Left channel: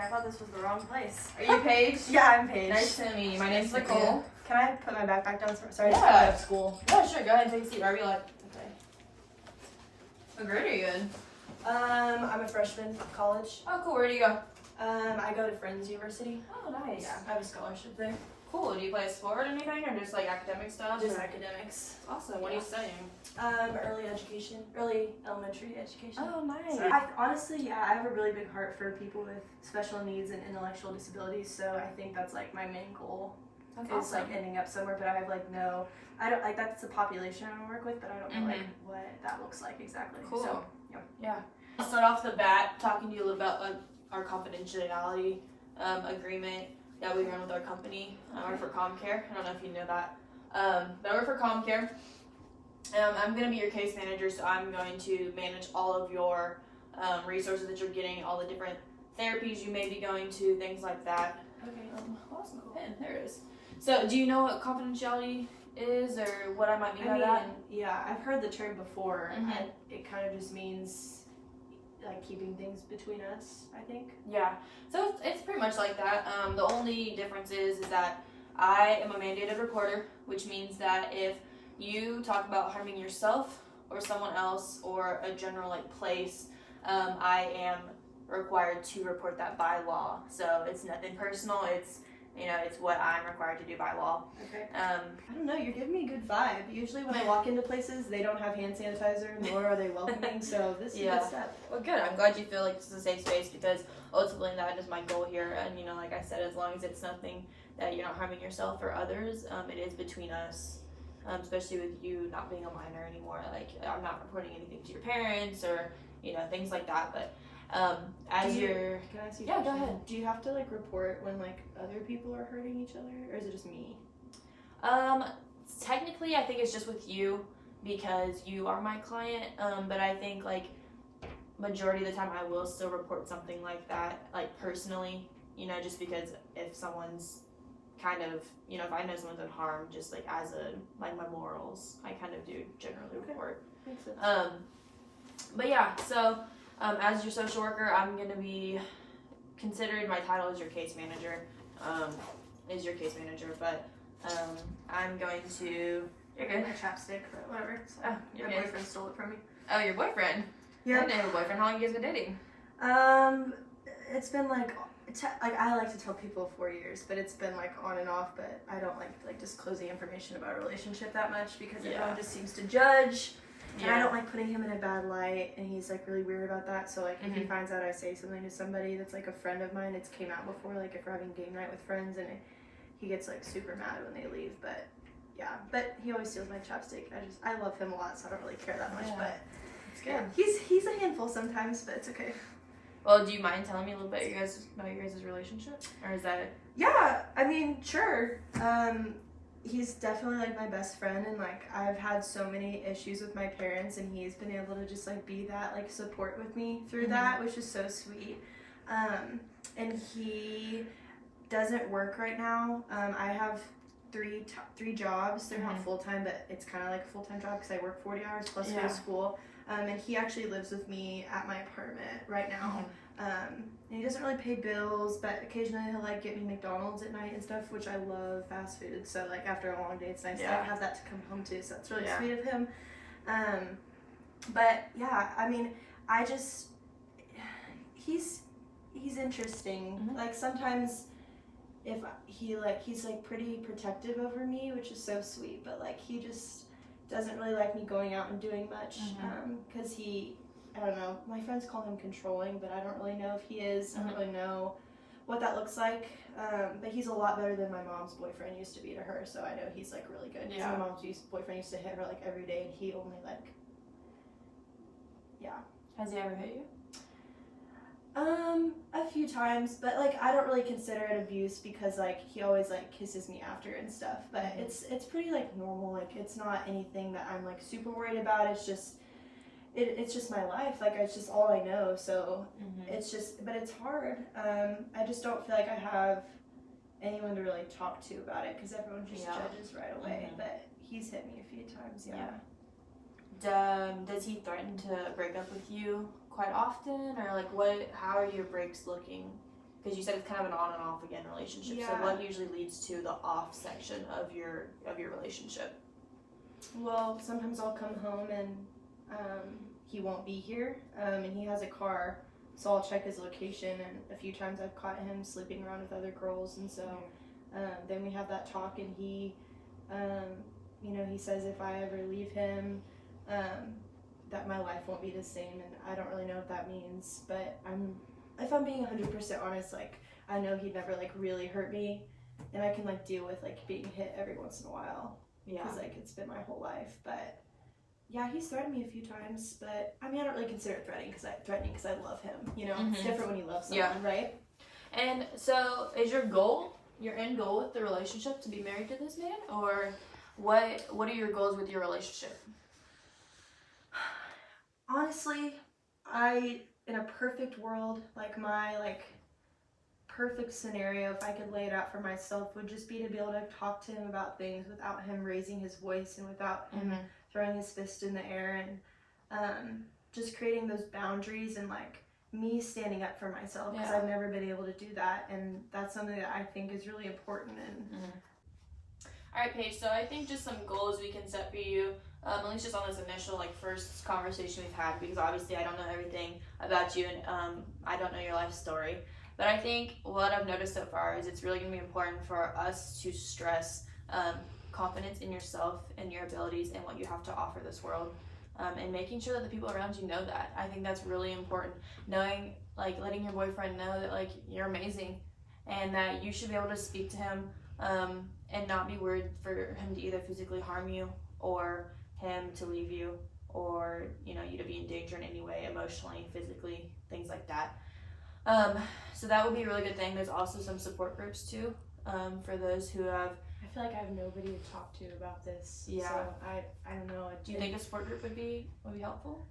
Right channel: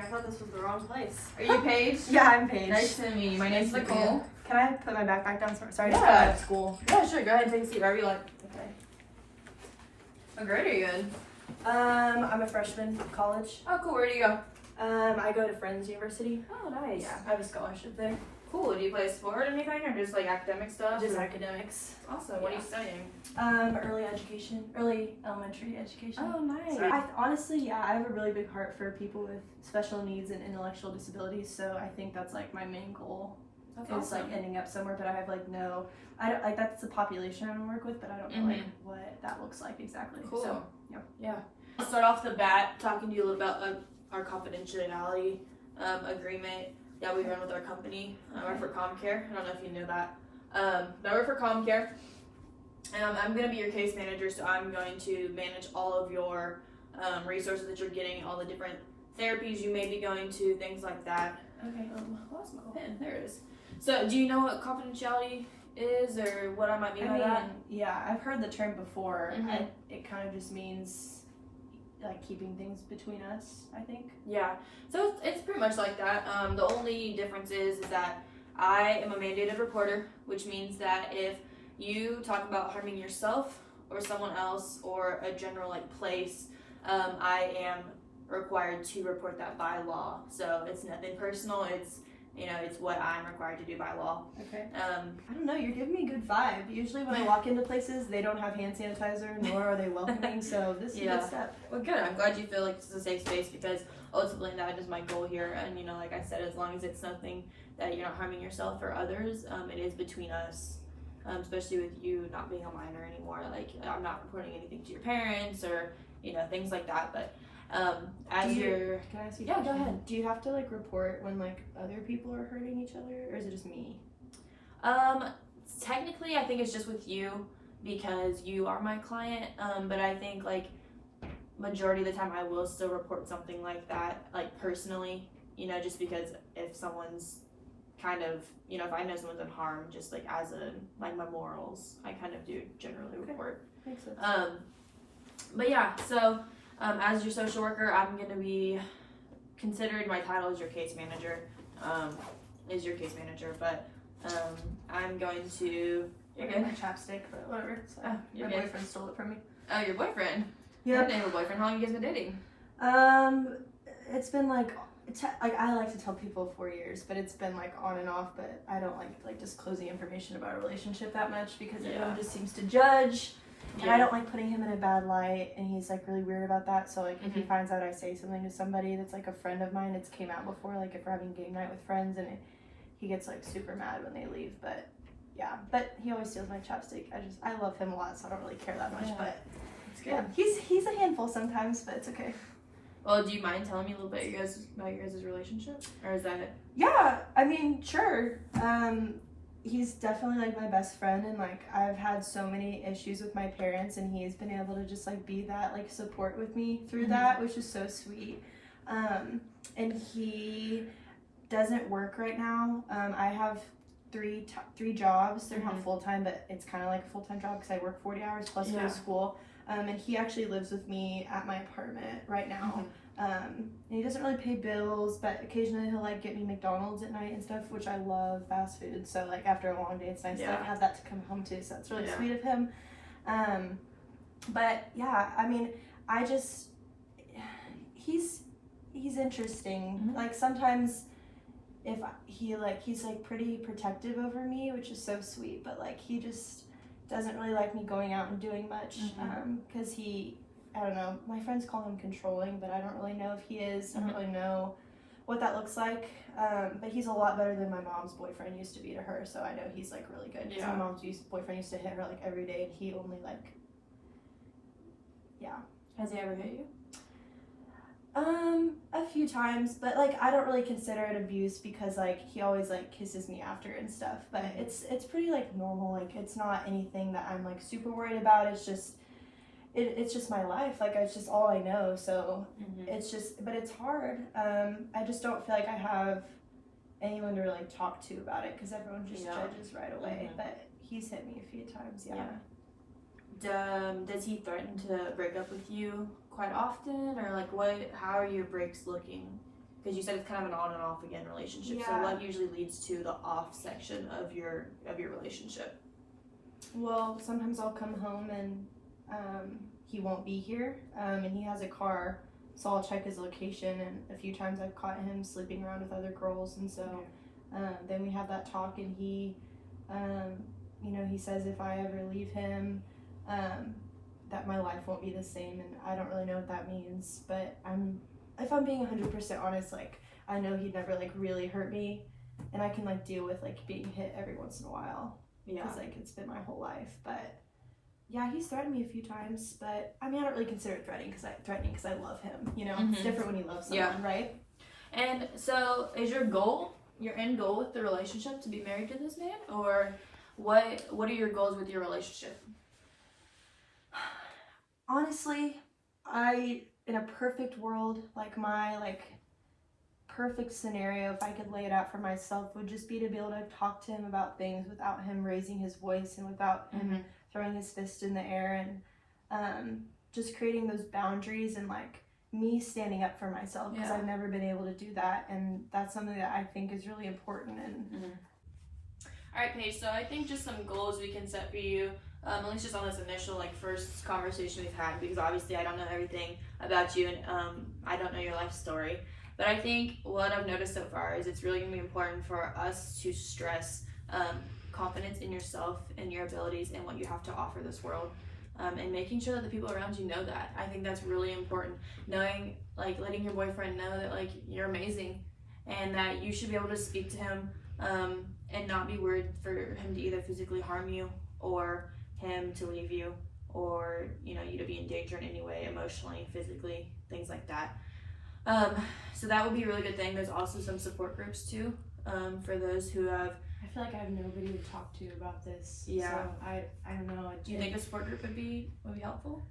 I thought this was the wrong place. Are you Paige? Yeah, I'm Paige. Nice to meet you. My name's Nice to meet Nicole. you. Can I put my backpack down? Sorry, I Yeah. just got out of school. Yeah, sure. Go ahead and take a seat wherever you like. Okay. What grade are you in? I'm a freshman at college. Oh, cool. Where do you go? I go to Friends University. Oh, nice. Yeah, I have a scholarship there. Cool. Do you play sport or anything, or just like academic stuff? Just or? academics. Awesome. What are you studying? Early elementary education. Oh, nice. So honestly, I have a really big heart for people with special needs and intellectual disabilities. So I think that's like my main goal. That's Is awesome. like ending up somewhere, but I have like I don't like that's the population I want to work with, but I don't know like what that looks like exactly. Cool. So Yeah. I'll start off the bat talking to you about our confidentiality agreement that we run with our company. I work for ComCare. I don't know if you know that. But I work for ComCare. I'm going to be your case manager, so I'm going to manage all of your resources that you're getting, all the different therapies you may be going to, things like that. okay. Lost my pen. There it is. So, do you know what confidentiality is, or what I might mean by that? Yeah, I've heard the term before. Mhm. It kind of just means like keeping things between us, I think. Yeah, so it's pretty much like that. The only difference is that I am a mandated reporter, which means that if you talk about harming yourself or someone else or a general like place, I am required to report that by law. So it's nothing personal. It's it's what I'm required to do by law. Okay. I don't know. You're giving me a good vibe. Usually when I walk into places, they don't have hand sanitizer, nor are they welcoming. So this is a good step. Well, good. I'm glad you feel like this is a safe space because ultimately that is my goal here. And like I said, as long as it's nothing that you're not harming yourself or others, it is between us. Especially with you not being a minor anymore. Like I'm not reporting anything to your parents or things like that. But Can I ask you? Yeah, go ahead. Do you have to like report when like other people are hurting each other, or is it just me? Technically, I think it's just with you because you are my client. But I think like majority of the time I will still report something like that, like personally. Just because if someone's kind of if I know someone's been harmed, just like as my morals, I kind of do generally report. Makes sense. But yeah, so as your social worker, I'm going to be considered, my title is your case manager, but I'm going to, you're good. My chapstick, but whatever. It's fine. You're My good. boyfriend stole it from me. Oh, your boyfriend? Yeah. I didn't know your boyfriend. How long have you guys been dating? It's been like I like to tell people 4 years, but it's been like on and off. But I don't like disclosing information about a relationship that much because everyone just seems to judge. And I don't like putting him in a bad light, and he's like really weird about that. So like if he finds out I say something to somebody that's like a friend of mine, it's came out before, like if we're having game night with friends, and he gets like super mad when they leave. But yeah, but he always steals my chapstick. I love him a lot, so I don't really care that much. Yeah. But It's good. yeah, he's a handful sometimes, but it's okay. Well, do you mind telling me a little bit about your guys' relationship? Or is that... Yeah, I mean, sure. He's definitely like my best friend, and like I've had so many issues with my parents, and he's been able to just like be that like support with me through that, which is so sweet. And he doesn't work right now. I have three jobs. They're not full time, but it's kind of like a full time job because I work 40 hours plus go to school. And he actually lives with me at my apartment right now. And he doesn't really pay bills, but occasionally he'll like get me McDonald's at night and stuff, which I love fast food. So like after a long day, it's nice to like, have that to come home to. So that's really sweet of him. But yeah, I mean, he's interesting. Like sometimes if he's like pretty protective over me, which is so sweet, but like he just doesn't really like me going out and doing much because I don't know, my friends call him controlling, but I don't really know if he is. I don't really know what that looks like, but he's a lot better than my mom's boyfriend used to be to her, so I know he's like really good. My mom's boyfriend used to hit her like every day, and he only like Has he ever hit you? A few times, but like I don't really consider it abuse because like he always like kisses me after and stuff, but it's pretty like normal. Like it's not anything that I'm like super worried about. It's just it's just my life. Like it's just all I know. So it's just, but it's hard. I just don't feel like I have anyone to really talk to about it because everyone just judges right away. But he's hit me a few times. Does he threaten to break up with you quite often, or like how are your breaks looking? because you said it's kind of an on and off again relationship. So Yeah. what usually leads to the off section of your relationship? Well, sometimes I'll come home and he won't be here, and he has a car, so I'll check his location. And a few times I've caught him sleeping around with other girls, and so then we have that talk, and he, he says if I ever leave him, that my life won't be the same, and I don't really know what that means. But if I'm being 100% honest, like I know he'd never like really hurt me, and I can like deal with like being hit every once in a while. Yeah. Because like it's been my whole life. But yeah, he's threatened me a few times, but I mean I don't really consider it threatening because I love him. You know, it's different when you love someone, right? And so, is your end goal with the relationship to be married to this man, or what are your goals with your relationship? Honestly, in a perfect world, like my perfect scenario, if I could lay it out for myself, would just be to be able to talk to him about things without him raising his voice and without him throwing his fist in the air, and just creating those boundaries and like me standing up for myself, because I've never been able to do that, and that's something that I think is really important. And All right, Paige, so I think just some goals we can set for you, at least just on this initial first conversation we've had, because obviously I don't know everything about you, and I don't know your life story. But I think what I've noticed so far is it's really going to be important for us to stress confidence in yourself and your abilities and what you have to offer this world, and making sure that the people around you know that. I think that's really important. Knowing, letting your boyfriend know that you're amazing and that you should be able to speak to him and not be worried for him to either physically harm you or him to leave you, or you to be in danger in any way, emotionally, physically, things like that. So that would be a really good thing. There's also some support groups too, for those who have. I feel like I have nobody to talk to about this. Yeah. So I don't know. Do you think a support group would be helpful?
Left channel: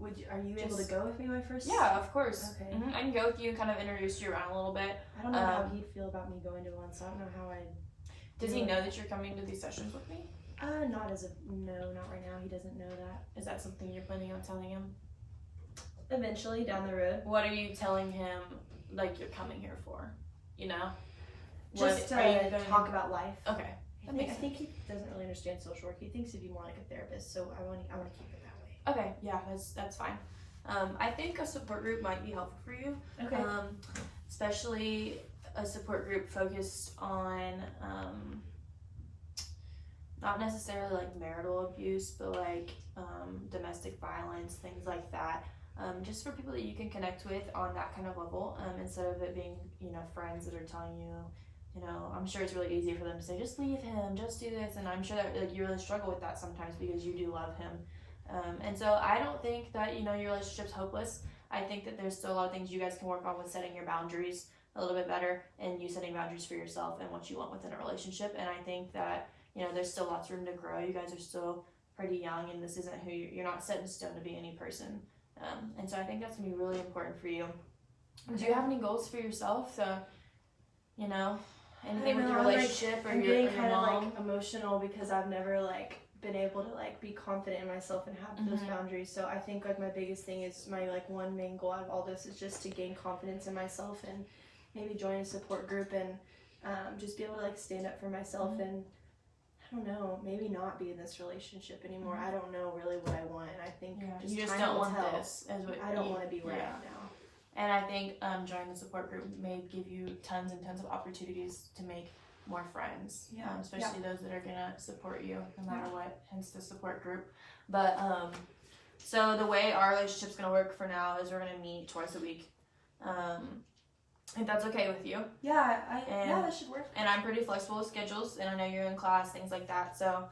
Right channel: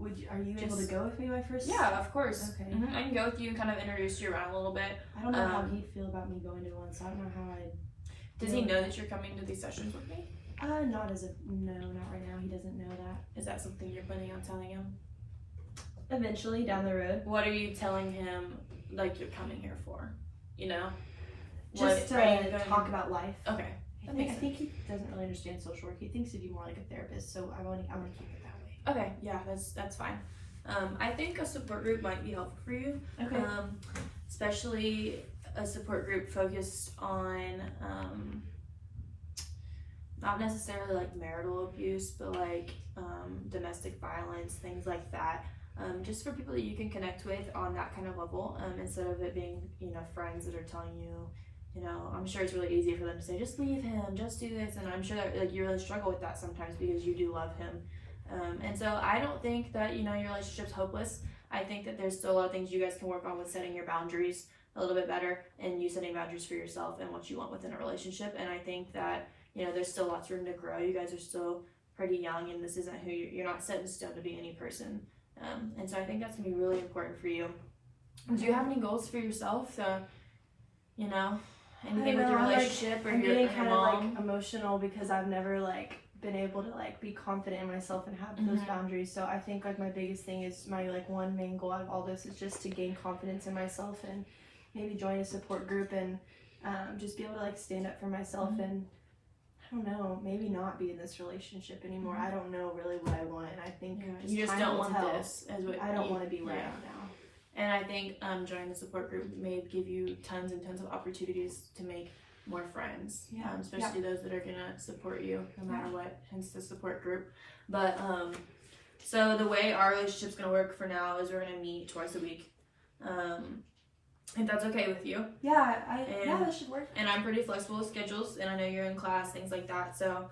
Are you able to go with me my first? Yeah, of course. Okay. I can go with you and kind of introduce you around a little bit. I don't know how he'd feel about me going to one, so I don't know how I'd. Does he know that you're coming to these sessions with me? Not right now. He doesn't know that. Is that something you're planning on telling him? Eventually, down the road. What are you telling him, you're coming here for? Just to talk about life. Okay. I think he doesn't really understand social work. He thinks it'd be more like a therapist, so I want to keep it that way. Okay, yeah, that's fine. I think a support group might be helpful for you. Okay. Especially a support group focused on not necessarily marital abuse, but domestic violence, things like that. Just for people that you can connect with on that kind of level, instead of it being friends that are telling you, I'm sure it's really easy for them to say, just leave him, just do this, and I'm sure that you really struggle with that sometimes because you do love him. And so I don't think that your relationship's hopeless. I think that there's still a lot of things you guys can work on with setting your boundaries a little bit better, and you setting boundaries for yourself and what you want within a relationship. And I think that there's still lots of room to grow. You guys are still pretty young, and this isn't who you're not set in stone to be any person. And so I think that's gonna be really important for you. Do you have any goals for yourself? So, anything with your relationship or I'm your getting kind mom? of emotional because I've never been able to be confident in myself and have those boundaries. So I think my biggest thing is my one main goal out of all this is just to gain confidence in myself and maybe join a support group and just be able to stand up for myself and I don't know, maybe not be in this relationship anymore. I don't know really what I want, and I think you just don't want this. I don't want to be where I am now. And I think joining the support group may give you tons and tons of opportunities to make more friends, especially those that are gonna support you no matter what. Hence the support group. But so the way our relationship's gonna work for now is we're gonna meet twice a week. If that's okay with you. Yeah, that should work. And I'm pretty flexible with schedules, and I know you're in class, things like that. So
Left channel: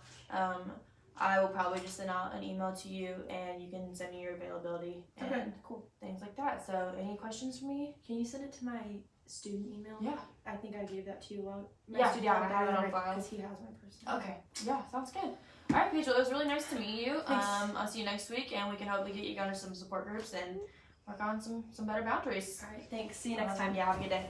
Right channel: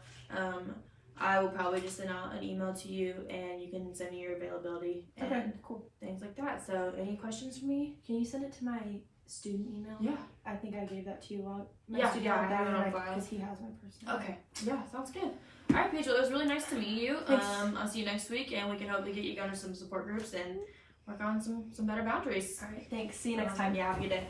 I will probably just send out an email to you, and you can send me your availability and things like that. So any questions for me? Can you send it to my student email? Yeah. I think I gave that to you. I have it on file. Because he has my personal. Okay. Yeah, sounds good. All right, Rachel, it was really nice to meet you. Thanks. I'll see you next week, and we can hopefully get you going to some support groups and work on some better boundaries. All right, thanks. See you next time. Yeah, have a good day.